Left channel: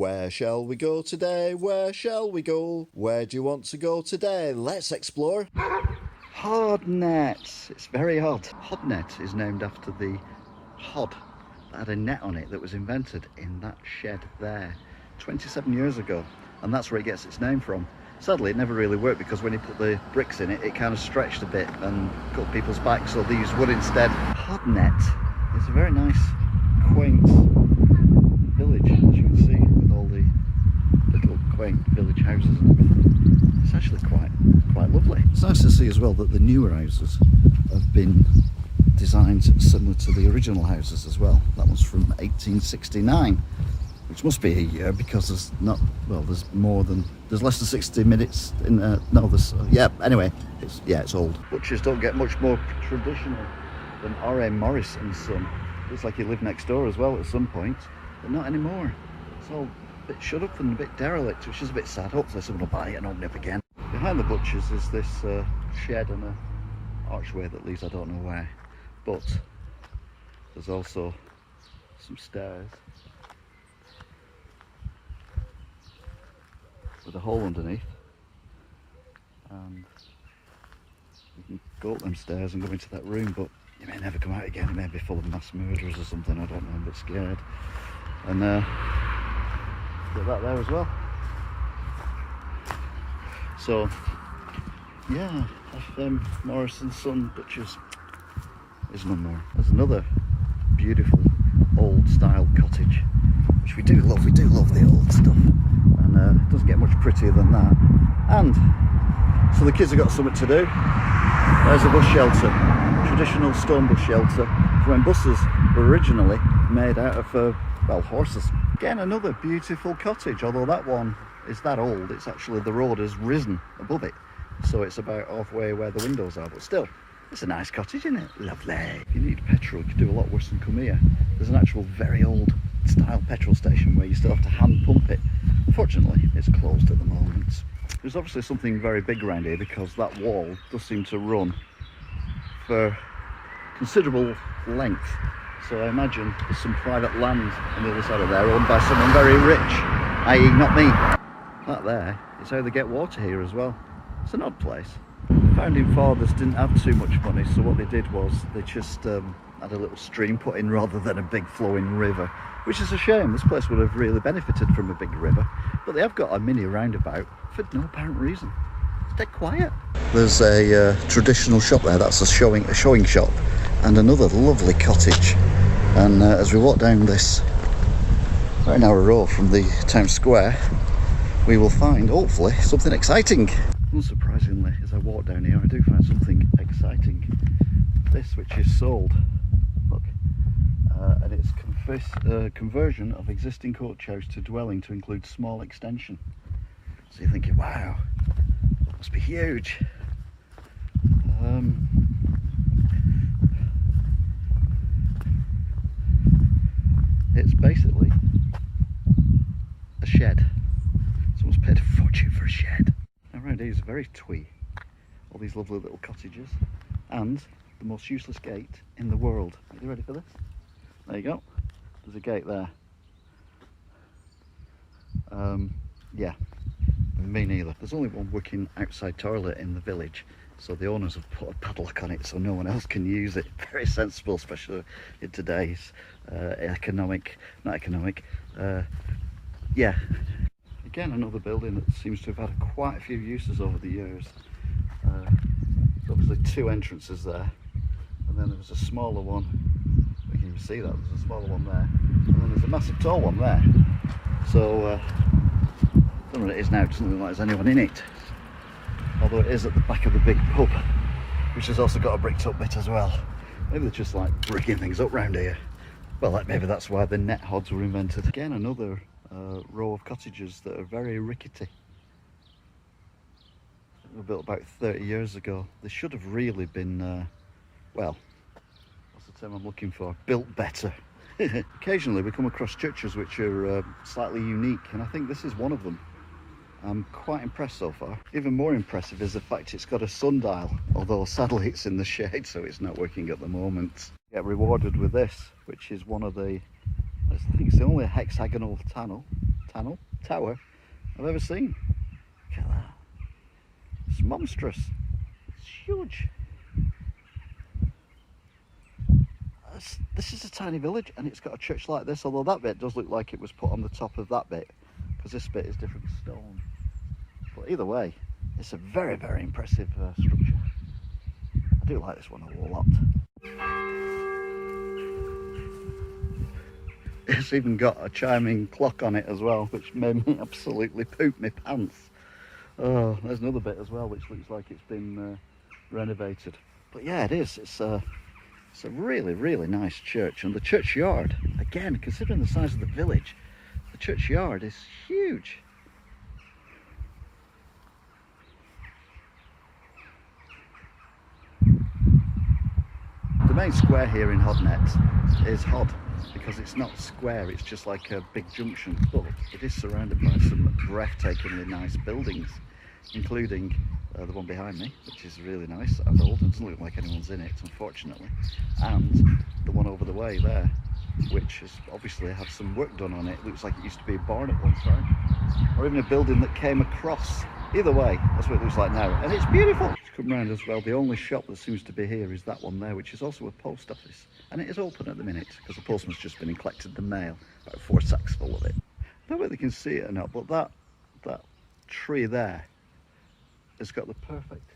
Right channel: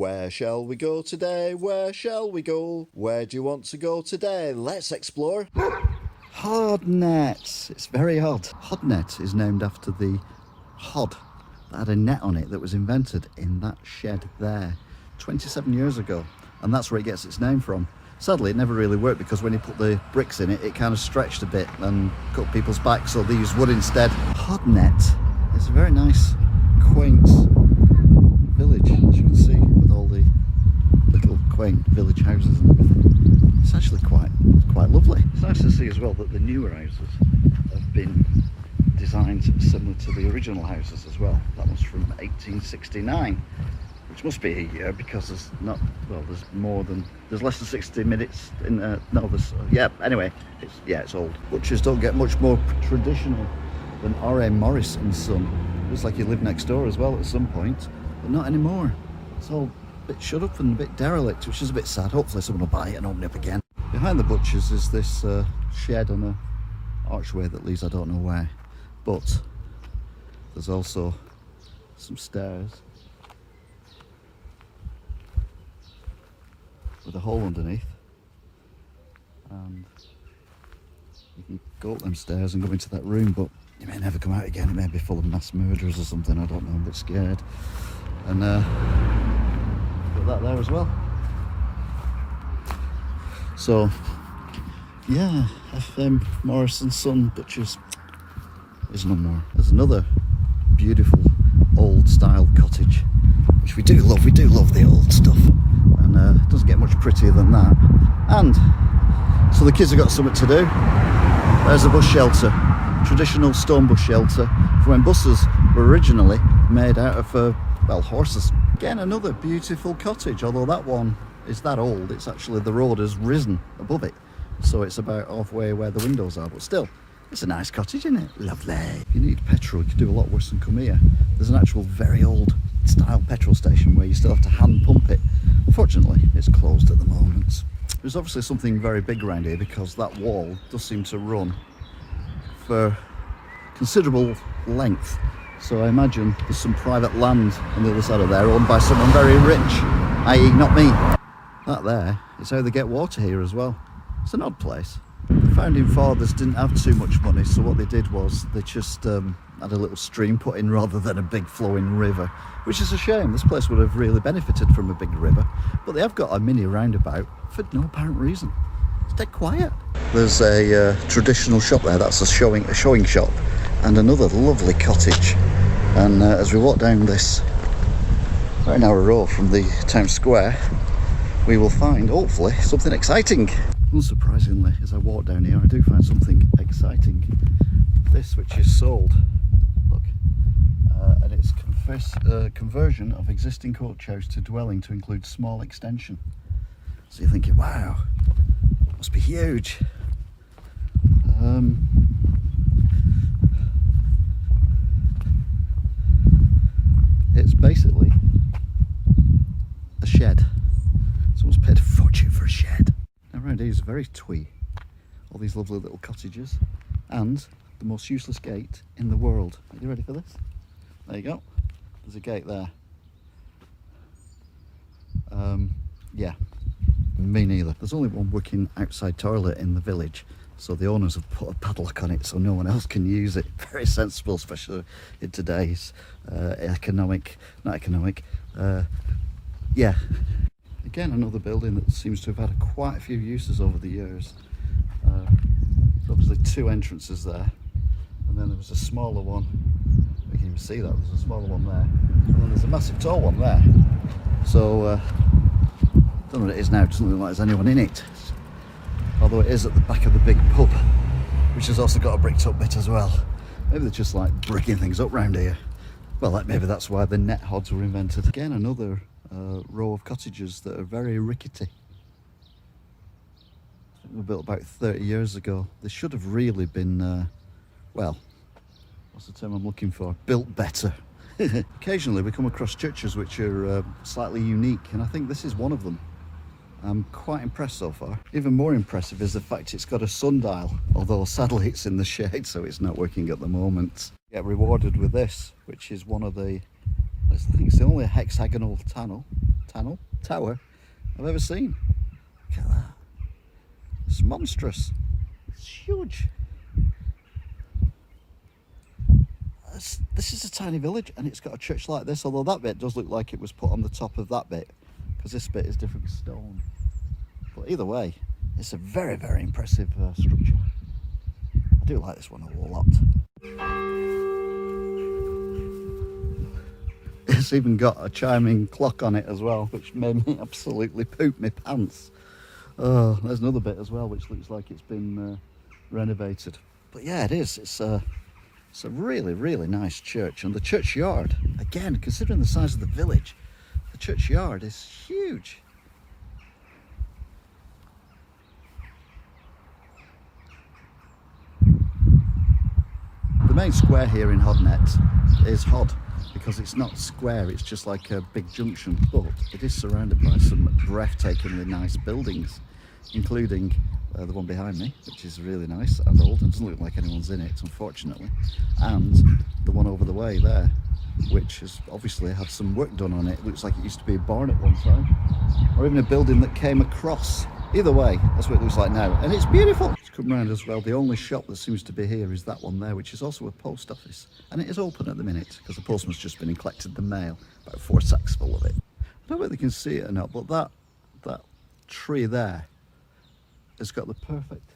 Where shall we go today? Where shall we go? Where do you want to go today? Let's explore Hodnet. It's very odd. Hodnet is named after the hod that had a net on it that was invented in that shed there 27 years ago, and that's where it gets its name from. Sadly, it never really worked because when you put the bricks in it, it kind of stretched a bit and cut people's backs, so they used wood instead. Hodnet is a very nice, quaint village, as you can see, with all the little quaint village houses and everything. It's actually quite lovely. It's nice to see as well that the newer houses have been designed similar to the original houses as well. That one's from 1869, which must be a year because there's not, well, there's less than 60 minutes in, anyway, it's old. Butchers don't get much more traditional than R.A. Morris and Son. Looks like he lived next door as well at some point, but not anymore. It's all a bit shut up and a bit derelict, which is a bit sad. Hopefully someone will buy it and open it up again. Behind the butchers is this shed and a archway that leads I don't know where, but there's also some stairs with a hole underneath, and you can go up them stairs and go into that room, but you may never come out again. It may be full of mass murderers or something, I don't know, I'm a bit scared. And got that there as well. So yeah, FM Morris and Son Butchers is no more. There's another beautiful old style cottage, which we do love the old stuff, and it doesn't get much prettier than that. And so the kids have got something to do. There's a bus shelter, traditional stone bus shelter from when buses were originally made out of horses. Again, another beautiful cottage, although that one is that old, it's actually, the road has risen above it, so it's about halfway where the windows are, but still, it's a nice cottage, isn't it? Lovely. If you need petrol, you could do a lot worse than come here. There's an actual very old style petrol station where you still have to hand pump it. Unfortunately, it's closed at the moment. There's obviously something very big around here because that wall does seem to run for considerable length. So I imagine there's some private land on the other side of there owned by someone very rich, i.e. not me. That there is how they get water here as well. It's an odd place. The founding fathers didn't have too much money, so what they did was they just had a little stream put in rather than a big flowing river, which is a shame. This place would have really benefited from a big river, but they have got a mini roundabout for no apparent reason. It's dead quiet. There's a traditional shop there, that's a showing shop, and another lovely cottage. And as we walk down this very narrow road from the town square, we will find, hopefully, something exciting. Unsurprisingly, as I walk down here, I do find something exciting. This, which is sold, look, and it's conversion of existing coachhouse to dwelling to include small extension. So you're thinking, wow, must be huge. It's basically a shed. Someone's paid a fortune for a shed. Now around here is very twee. All these lovely little cottages and the most useless gate in the world. Are you ready for this? There you go. There's a gate there. Yeah, me neither. There's only one working outside toilet in the village, so the owners have put a padlock on it so no one else can use it. Very sensible, especially in today's yeah. Again, another building that seems to have had quite a few uses over the years. There's obviously two entrances there, and then there was a smaller one. We can even see that there's a smaller one there, and then there's a massive tall one there. So I don't know what it is now. It doesn't look like there's anyone in it, although it is at the back of the big pub, which has also got a bricked up bit as well. Maybe they're just like bricking things up round here. Well, maybe that's why the net hods were invented. Again, another row of cottages that are very rickety. I think they were built about 30 years ago. They should have really been, well, what's the term I'm looking for? Built better. Occasionally we come across churches which are slightly unique, and I think this is one of them. I'm quite impressed so far. Even more impressive is the fact it's got a sundial, although sadly it's in the shade, so it's not working at the moment. Get rewarded with this, which is one of the, I think it's the only hexagonal tower I've ever seen. Look at that. It's monstrous. It's huge. This is a tiny village, and it's got a church like this, although that bit does look like it was put on the top of that bit, because this bit is different stone. But either way, it's a very, very impressive structure. I do like this one a lot. It's even got a chiming clock on it as well, which made me absolutely poop my pants. Oh, there's another bit as well, which looks like it's been renovated. But yeah, it is. It's a really, really nice church. And the churchyard, again, considering the size of the village, the churchyard is huge. The main square here in Hodnet is Hod, because it's not square, it's just like a big junction, but it is surrounded by some breathtakingly nice buildings, including the one behind me, which is really nice and old. It doesn't look like anyone's in it, unfortunately, and the one over the way there, which has obviously had some work done on it. It looks like it used to be a barn at one time, or even a building that came across. Either way, that's what it looks like now, and it's beautiful. It's come round as well. The only shop that seems to be here is that one there, which is also a post office, and it is open at the minute because the postman's just been and collected the mail, about 4 sacks full of it. I don't know whether you can see it or not, but that tree there has got the perfect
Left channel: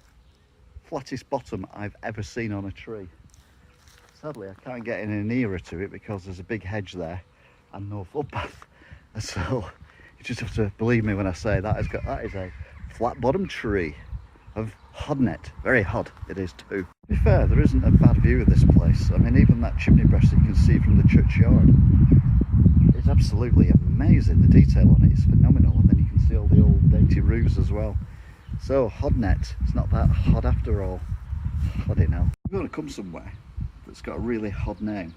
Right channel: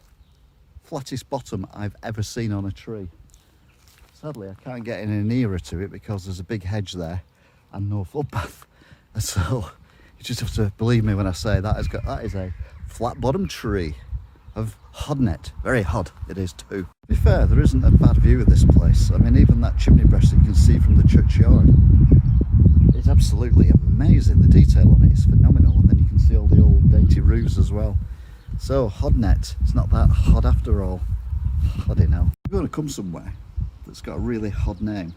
flattest bottom I've ever seen on a tree. Sadly, I can't get any nearer to it because there's a big hedge there and no footpath, so you just have to believe me when I say that is a flat bottom tree of Hodnet. Very hod it is too. To be fair, there isn't a bad view of this place. I mean, even that chimney breast that you can see from the churchyard, it's absolutely amazing. The detail on it is phenomenal, and then you can see all the old dainty roofs as well. So Hodnet, it's not that hod after all. Hoddy now. We're going to come somewhere that's got a really hod name,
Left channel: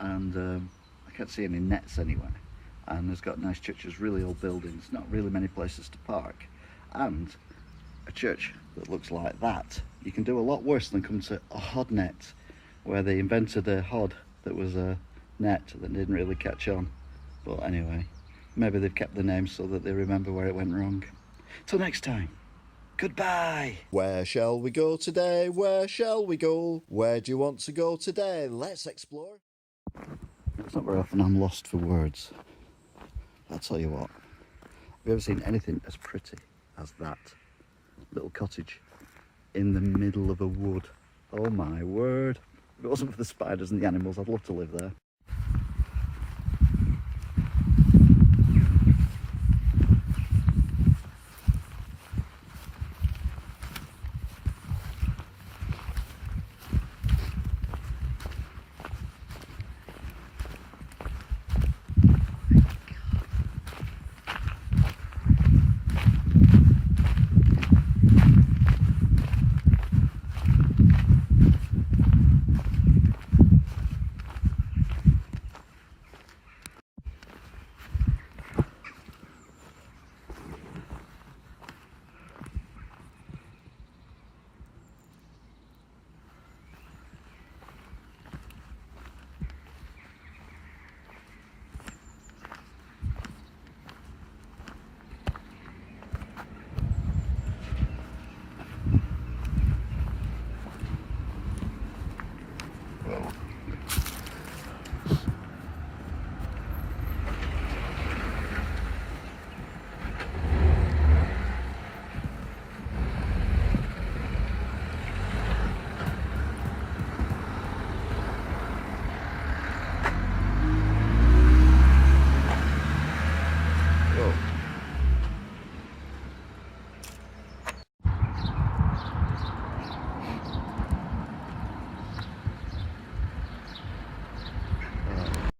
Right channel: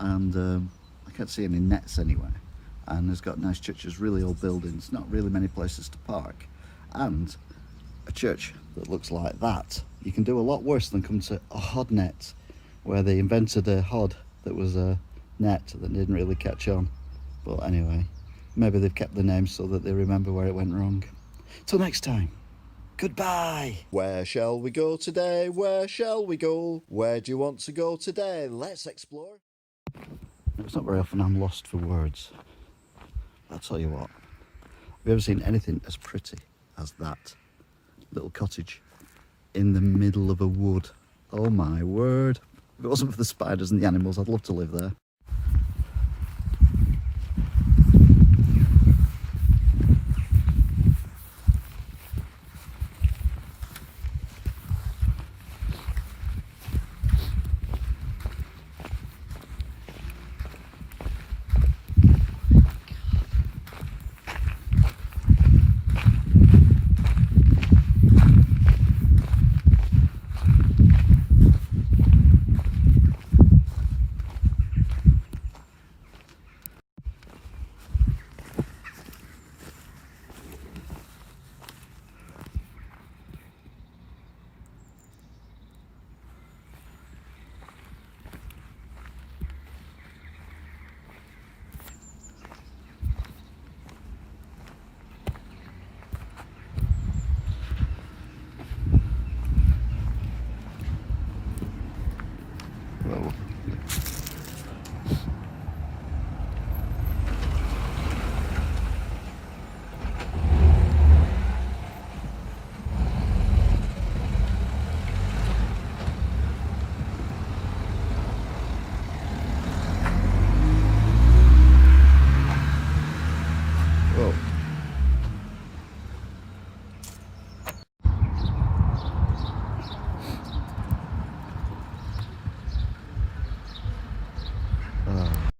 and I can't see any nets anywhere, and it's got nice churches, really old buildings, not really many places to park, and a church that looks like that. You can do a lot worse than come to a Hodnet, where they invented a hod that was a net that didn't really catch on. But anyway, maybe they've kept the name so that they remember where it went wrong. Till next time, goodbye. Where shall we go today? Where shall we go? Where do you want to go today? Let's explore. It's not very often I'm lost for words. I'll tell you what, have you ever seen anything as pretty as that little cottage in the middle of a wood? Oh my word. If it wasn't for the spiders and the animals, I'd love to live there.